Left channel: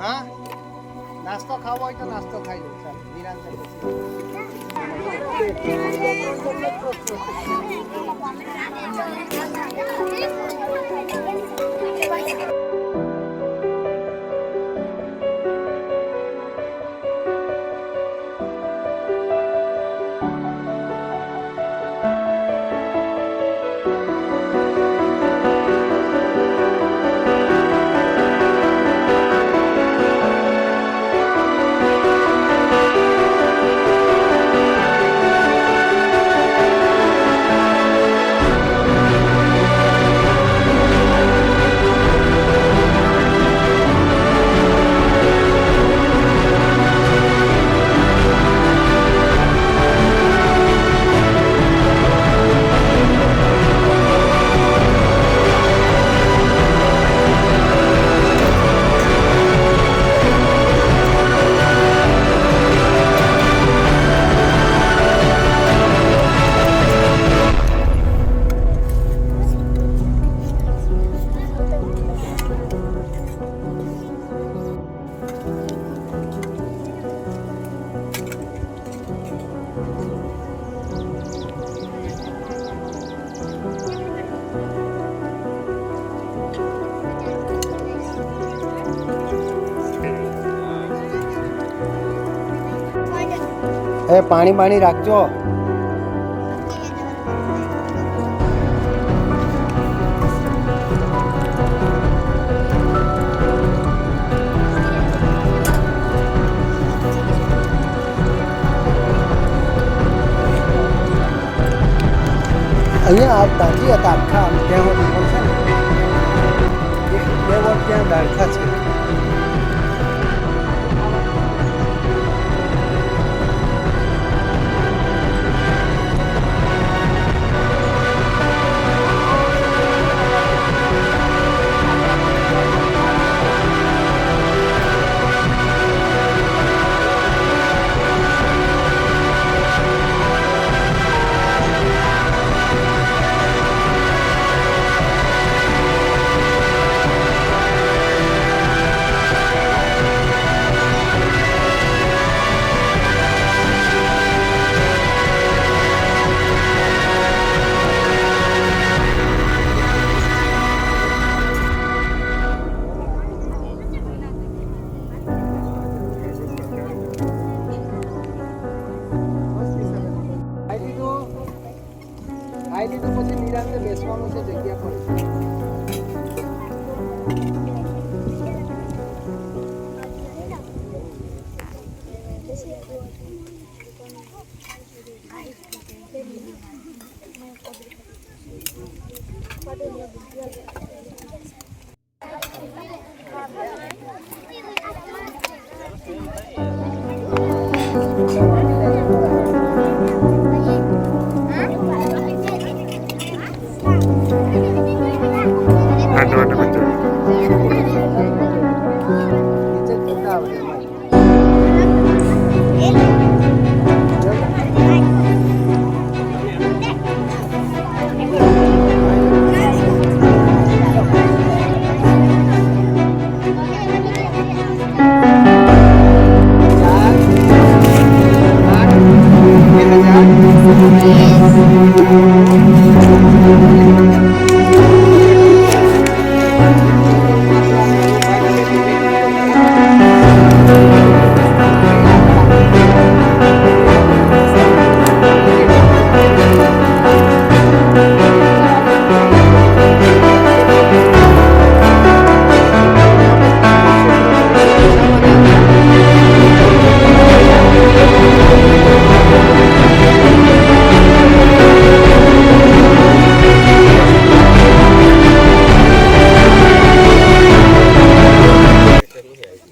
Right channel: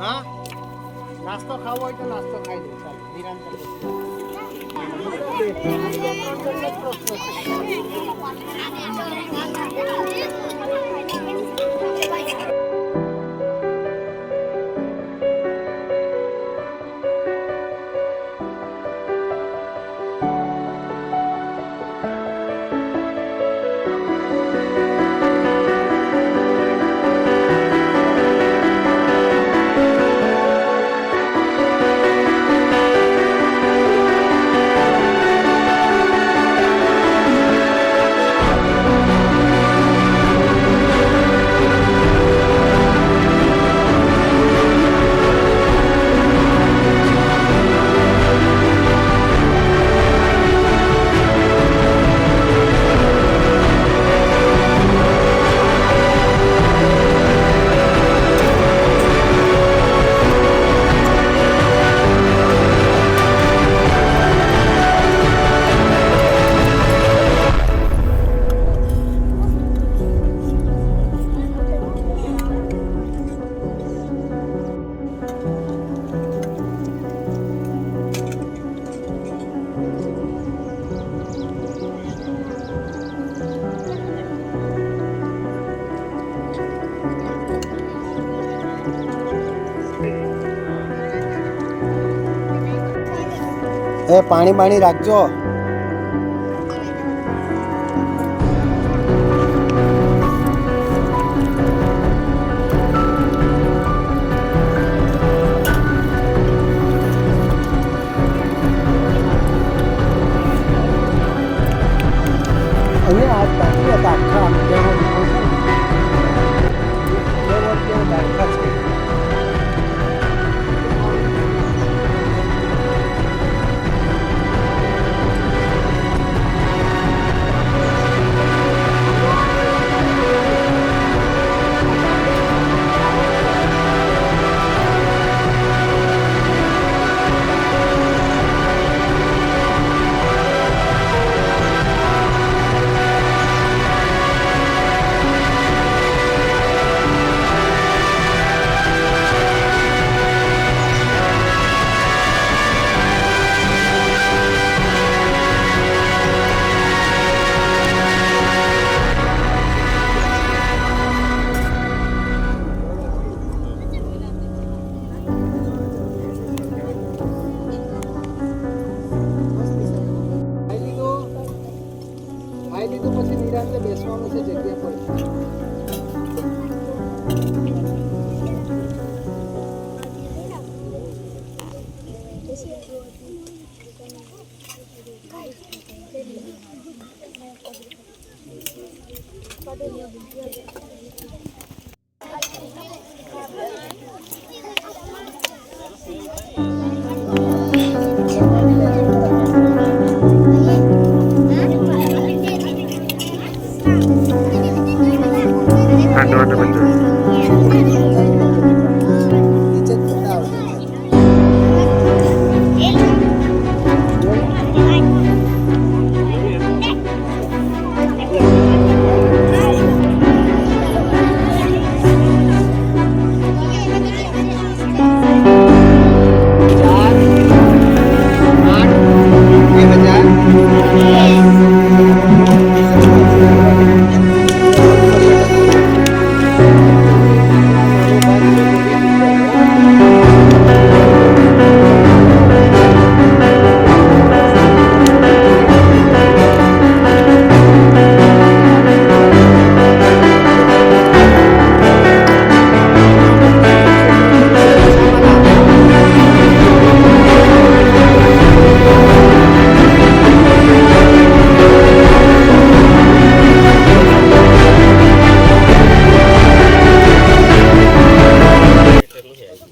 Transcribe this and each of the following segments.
હા નાસ્તો ખાવો હોય તો નાસ્તો ખાઈ લો ચાલો નિરાંત પાણી બાણી રાખજો અહીંયા આ ટાંકી હતા આખા આમ ત્યાં સુધી છે ને 2 વર્ષ ત્યાં દાખલા છે ખાઈ લીધું પછી નિરાંતે બેસવાનું છે જગ્યા પર ada betul.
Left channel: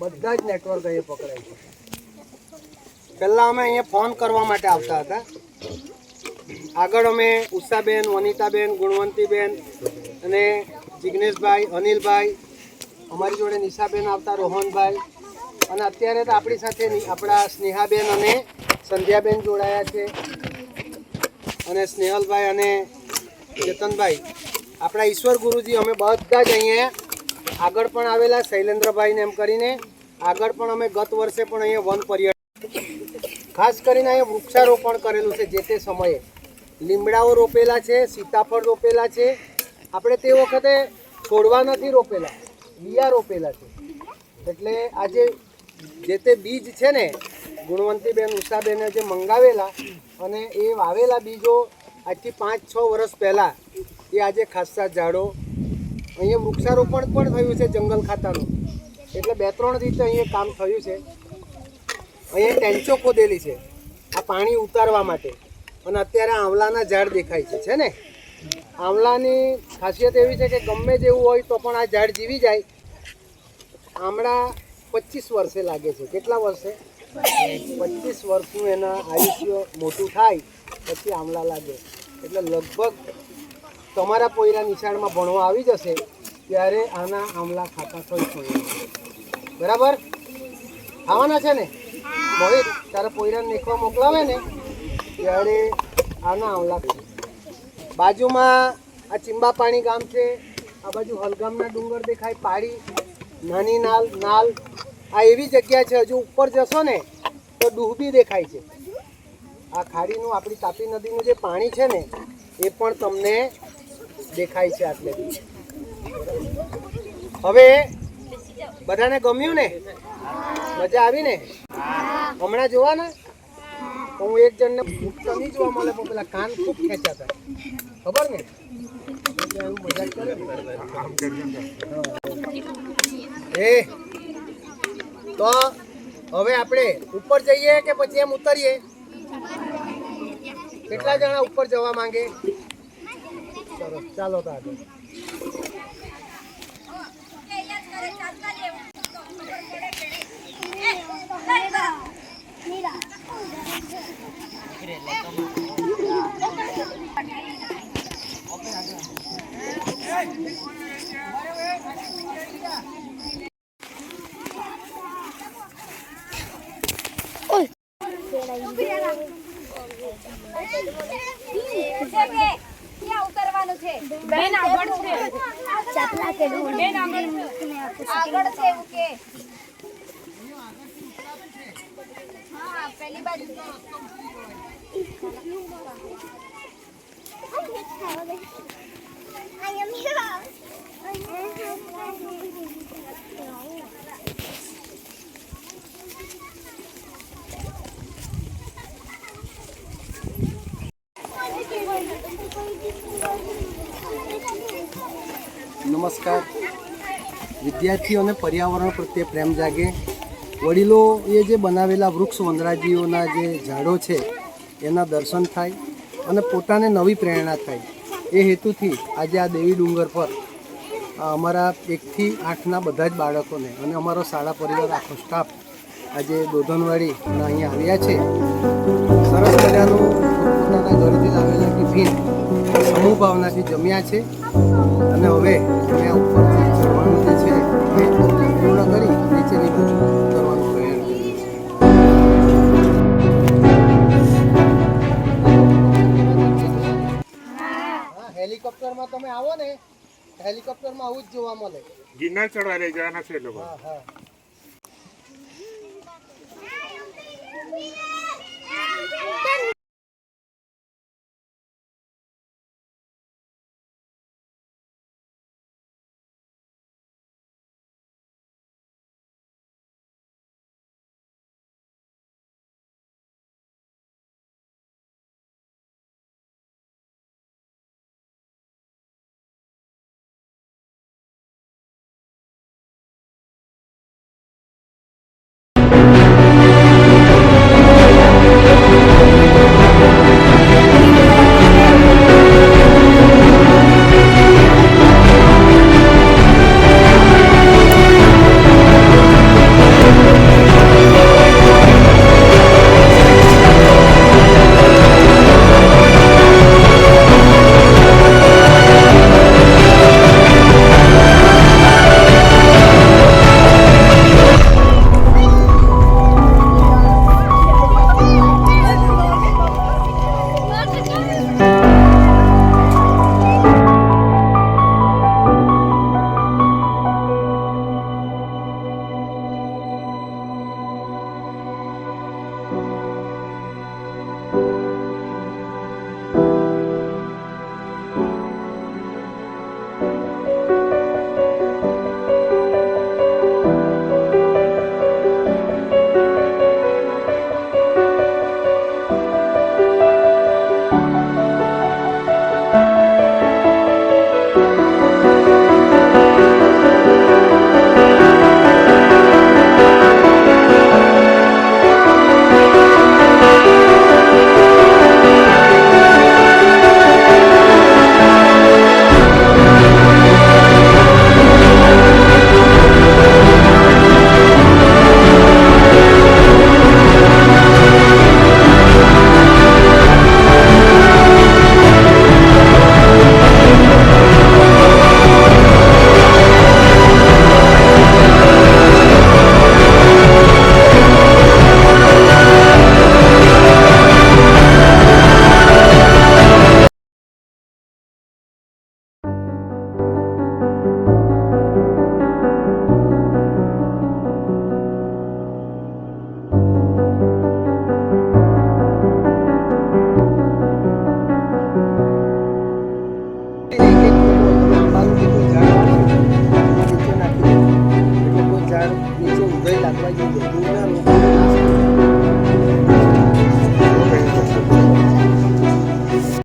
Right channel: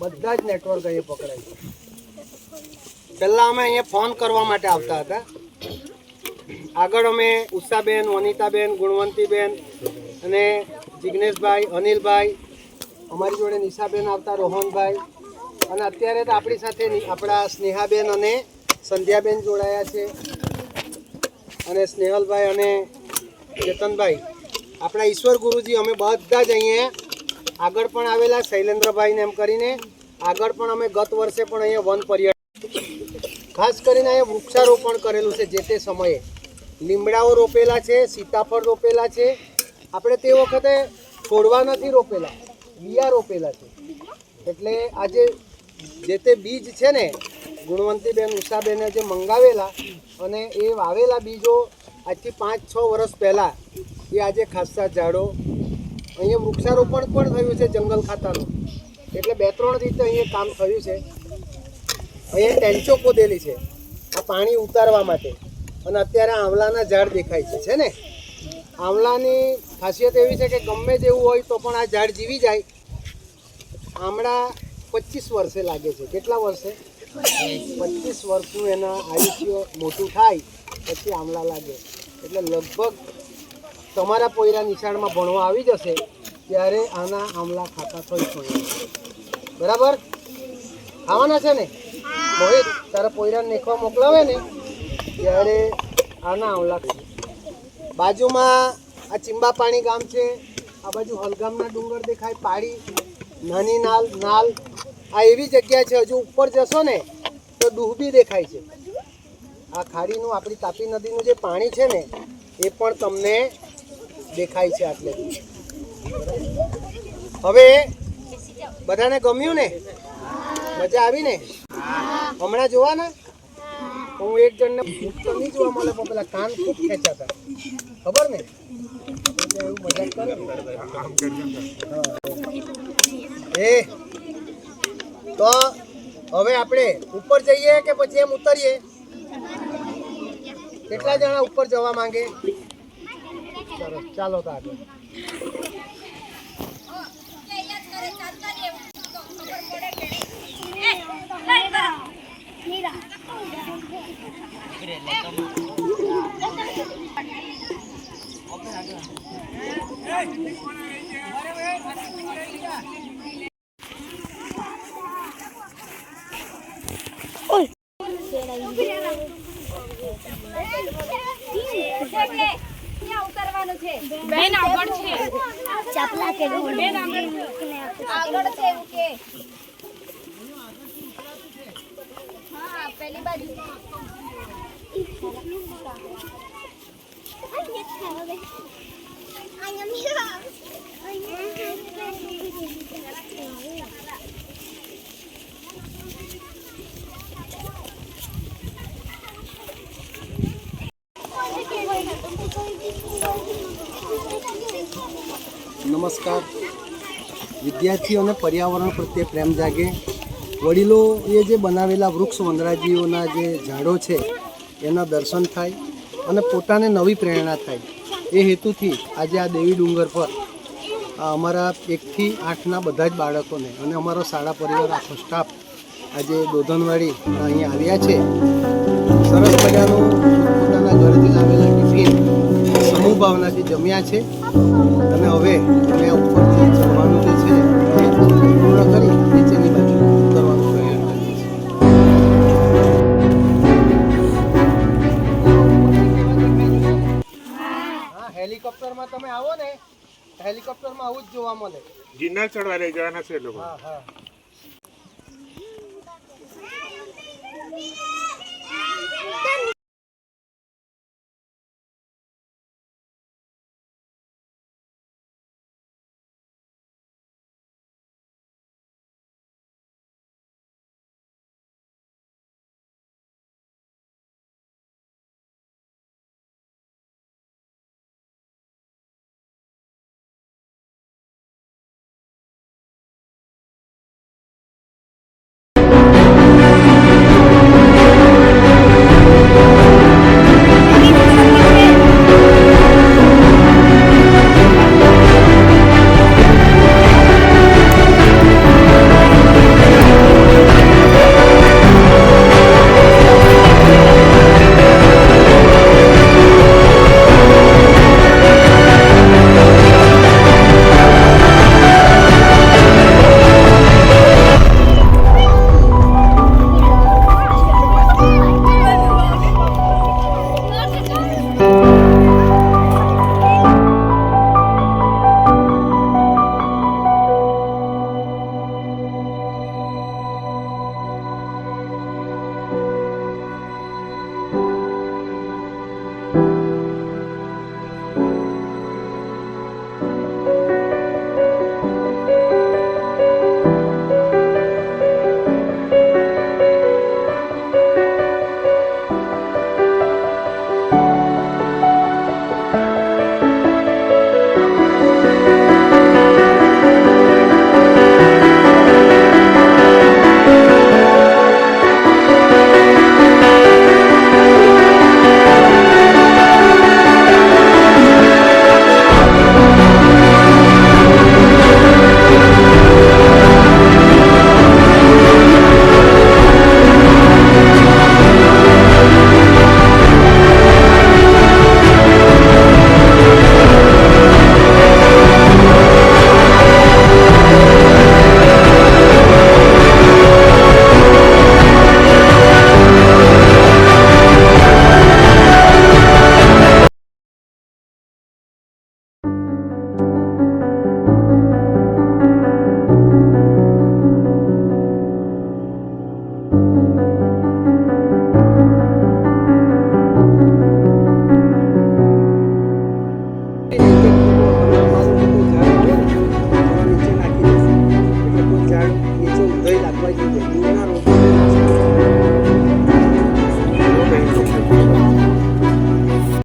બધા જ નેટવર્ક અહીંયા પકડાય છે પહેલાં અમે અહીંયા ફોન કરવા માટે આવતા હતા આગળ અમે ઉષાબેન વનિતાબેન ગુણવંતીબેન અને જિગ્નેશભાઈ અનિલભાઈ અમારી જોડે નિશાબેન આવતા રોહનભાઈ અને અત્યારે તો આપણી સાથે આપણા સ્નેહાબેન અને સંધ્યાબેન જોડાયા છે અને સ્નેહલભાઈ અને ચેતનભાઈ આપણા ઈશ્વર ગુરુજી અમે બધા જ અહીંયા આગળ પણ આવેલા શૈલેન્દ્રભાઈને એમ કરીને આગળ પણ અમે ગત વર્ષે પણ અહીંયા વન પર્યટન ખાસ કરીને અહીંયા વૃક્ષારોપણ કરેલું છે. જે તે સમયે લીમડાઓ રોપેલા છે, સીતાફળ રોપેલા છે. આપણે તે વખતે છોડવા નથી રોપેલા, બિયા રોપેલા છે. એટલે આજે જે તે બીજ છે ને ગુણવંતીબેન ઉષાબેને જે મંગાવેલા અને એ વાવેલા બીજો આજથી 5-6 વર્ષ પહેલાં એ આજે ખાસા ઝાડો અહીંયા વૃક્ષારોપણ પણ થયું છે જંગલ ખાતાનું. એટલે 2-3 રીતે અહીંયા કામ થયું છે. અહીંયા ટેન્ચો ખોદેલી છે આ પાણી ઉતારવા માટે. અને અત્યારે આંવલાના ઝાડ દેખાય છે ને. આંવલાની ખાસિયત એવી છે કે ગમે તેવું હોય તો પણ આ ઝાડ જીવી જાય. આમળા 25 વર્ષે લાગે છે. કેટલા વર્ષે? 25 વર્ષનું એના આયુષ્ય મોટું થાય પછી આંવલા લાગે. એટલે લગભગ તમારા પોયરા નિશાળમાં ભણવા આવી જશે ત્યારે આના આંવલા ખાતા થઈશું. બરાબર ખાવાના છે ને મોહિત? તારા પોયરાને મેખવા મોકલાવે ને ત્યારે આના આંવલા. બાજુમાં આ ચિંબાપાણી ગામ છે. આ બાજુ હલગામના ડુંગર દેખાય, પાડી, નાની નાલ. આ એવી જગ્યા છે હજુ ઉપર જશો ને તો ડૂબી દેખાય છે. આ ખાડીનું આપણી તાપી નદીનું જે પાણી છે ને એ પણ તમને દેખાય છે આટલે. હવે બધાને ગમ્યું ને? મજા આવી ને? હમણાં જોવાના હું એક જણને તો નહીં જોવા મળે પણ પેલા કાન ખૂબ ખેંચાતા, ખબર ને? એવું મજાક કરે એ. તો હવે આપણે ઉપર જઈએ કે પછી એમ ઉતરીએ? કેટલા જણા ઉપર જવા માંગે? સરસ, ચાલો તો આગળ. બેન આગળ છે, ચાપલા કે બેન આગળ છે એવું કે હા પેલી બાજુ નમસ્કાર. વિદ્યાર્થીઓને પર્યાવરણ પ્રત્યે પ્રેમ જાગે. વડીલો એ જે બનાવેલા વૃક્ષ વનરાજીઓના જે ઝાડો છે એના દર્શન થાય અને પોતાને નવી પ્રેરણા થાય એ હેતુથી આજે આ દેવી ડુંગર પર અમારા 1 થી 8ના બધા જ બાળકોને અને અમારો શાળા પરિવાર આખો સ્ટાફ આજે દોધનવાડીના અહીંયા આવ્યા છે. સરસ મજાનું પોતાના ઘરથી લાવેલા ટિફિન સમૂહ ભાવનાથી જમ્યા છે. અને હવે અમે આ ઉપર જે ચડવાનું જે છે એ પૂર્ણ કરી નીચેની બાજુ ઉતરવાનું પ્રયાણ કરીએ છીએ. હા, હેલિકોપ્ટરમાં તમે આવો ને, હેલિકોપ્ટરમાં આવું જ જોવા મળે. ગિરનાર ચડવા લઈ જવાના છે લોકો. હા હા. રોકવાનું